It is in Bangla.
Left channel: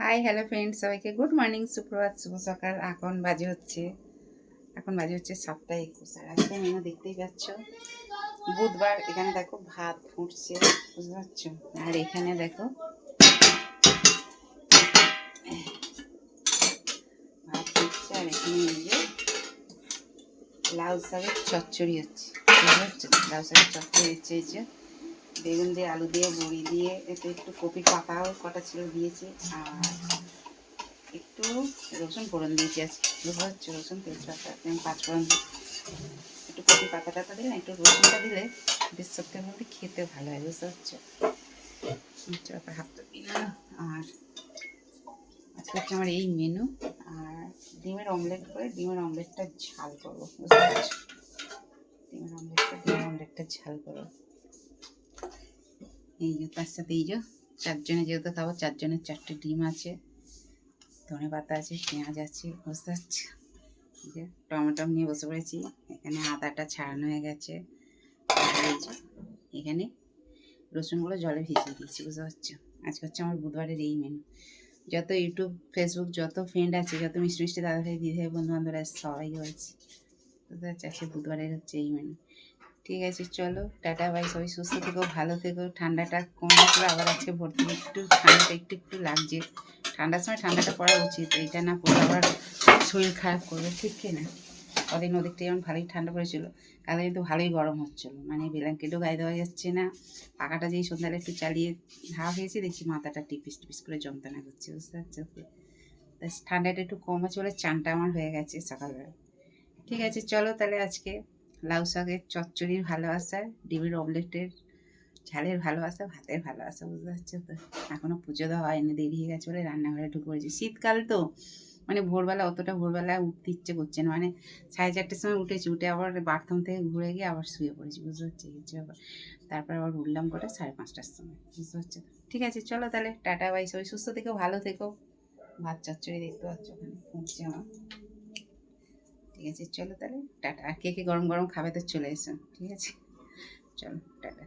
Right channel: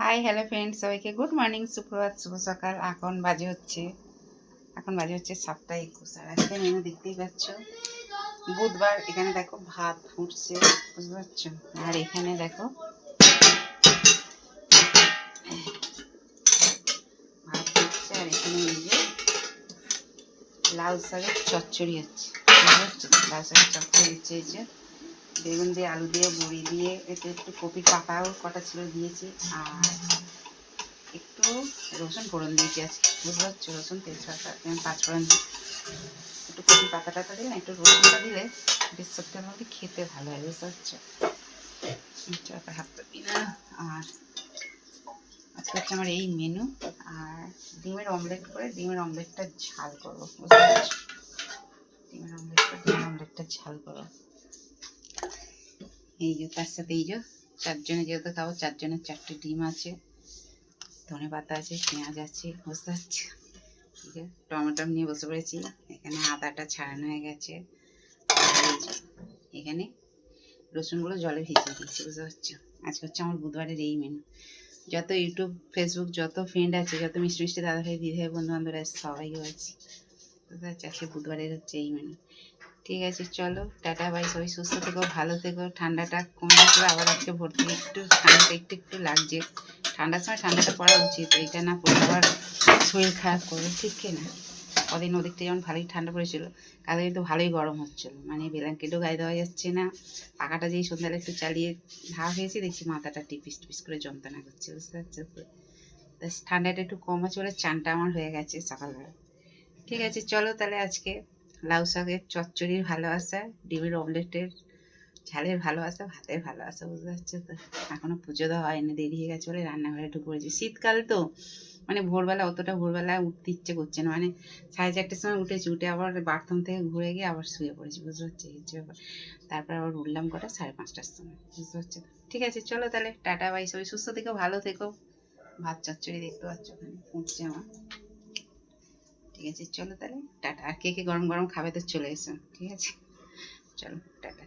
হাই হ্যালো ফ্রেন্ডস, সবাইকে গুড মর্নিং, সুপ্রভাত, শুভ সকাল। এখন বাজে হচ্ছে 7টা 21। আর আজকে মেনু দেখতেই পাচ্ছ, বুধবার। এখানে দেখো ভাত ফুটছে, বুঝতে পারছো। আর এখানে দেখো ভাত ফুটছে, আর এখানে এই যে লাউ শাকের চচ্চড়ি হচ্ছে, বুঝতে পারছো। লাউ শাকের চচ্চড়ি হচ্ছে এই যে বেগুন দিয়ে, আলু দিয়ে, বড়ি দিয়ে, এতে একটু কপির পাতাও কটা ছিল দিয়েছি, আর একটু রসুন ফোড়ন দিয়েছি আজকে, বুঝতে পারছো। রসুন, তেজপাতা, যেমন পাঁচফোড়ন দিই, একটু কপি পাতা টাতা দিলে, একটু রসুনটা দিলে বেশ সত্যি মধ্যে খেতে ভালো হয়, বুঝতে পারছো। হাতটা দিই না। আর আজকে হচ্ছে আমার এই মেনু। আর ডিমের অমলেট করে ডিমের অমলেটটা ঝাল করবো, বুঝতে পারছো। ডিমের অমলেটটা ঝাল করবো। এই যে তার সাথে এই যে 4 জনে যেহেতু খাবো, 4 জনের 4টে ডিম আছে, ধনে পাতা আছে, পেঁয়াজ আছে, বুঝতে পারছো। ঠিক আছে, টমেটো নিয়ে বসে পড়েছি। এখানে আদাটা ছাড়ানো হয়ে গেছে, এখানে রসুনগুলো জলে ভিজিয়ে দিচ্ছি, বুঝতে পারছো। আজকে হচ্ছে আমার বুধবারের এই মেনু। যত ইউটিউব, ফেসবুক, যত ফ্রেন্ড আছে, যত মিষ্টি মিষ্টি দাদাভাই, দিদিভাই, বন্ধু বান্ধবরা আছে, সবাইকে বলছি, বুঝতে পারছি আজকে বুধবারের হচ্ছে এই মেনু। ঠিক আছে, চলো টাটা বাই। সবাই সুস্থ থেকো, ভালো থেকো। ঠান্ডাটা কমে গেছিলো, আবার আজকে ভর্তি একটু ঠান্ডাটা একটু লাগছে। ঠান্ডার সময় ঠান্ডাটা পড়া উচিত, এইটা না পড়লে আবার শরীর খারাপ করবে, ঠিক কি না। কদিন ওদিকটা যেমন ভালোই ঠান্ডা পড়েছিল, কালে কিন্তু ভালোই গরম হচ্ছিলো, মানে ব্ল্যাঙ্কেটও গায়ে দেওয়া যাচ্ছে না। পাখাটা যেই সন্ধ্যাটা একটু চালিয়ে ভাব হয়েছে, দেখছি মাথাটা টিপিস টিপিস করে যন্ত্রণা করছে, বুঝতে পারছো। তা ঠান্ডাটা একটু কম আছে বলে চানটা আমার হয়ে গেছে সকালবেলা। ঠিক আছে, চলো তাহলে আজকে লাউ শাকের চচ্চড়ির ভালোবাসা, ডিমের অমলেটের ঝালের ভালোবাসা, ভাতের ভালোবাসা, বুঝতে পারছো তো। এখনও পুজো দেওয়া হয়নি, দেরি হয়ে গেছে বলে রান্নাঘরে ঢুকে পড়েছি। শীতকাল তো, মানে ভোরবেলা অতটা ভোরবেলায় উঠতে ইচ্ছে করছে না, মানে 4:30টার সময় উঠেছি, উঠে আবার বাথরুম থেকে ঘুরে গিয়ে আবার শুয়ে পড়েছি, বুঝতে পারছি এই হচ্ছে ব্যাপার। তারপর আবার উঠলাম কটা 5:30টার সময়, বুঝতে পারছো। ঠিক আছে, চলো তাহলে টাটা বাই। সবাই সুস্থ থেকো, ভালো থেকো। ভাত চচ্চড়ি দেখতে পাচ্ছ ওখানে ফুটছে আমার। ঠিক আছে, চলো তাহলে টাটা। আর কে কে গরম গরম খাবে তো চলে এসো, ঠিক আছে, চলো টাটা।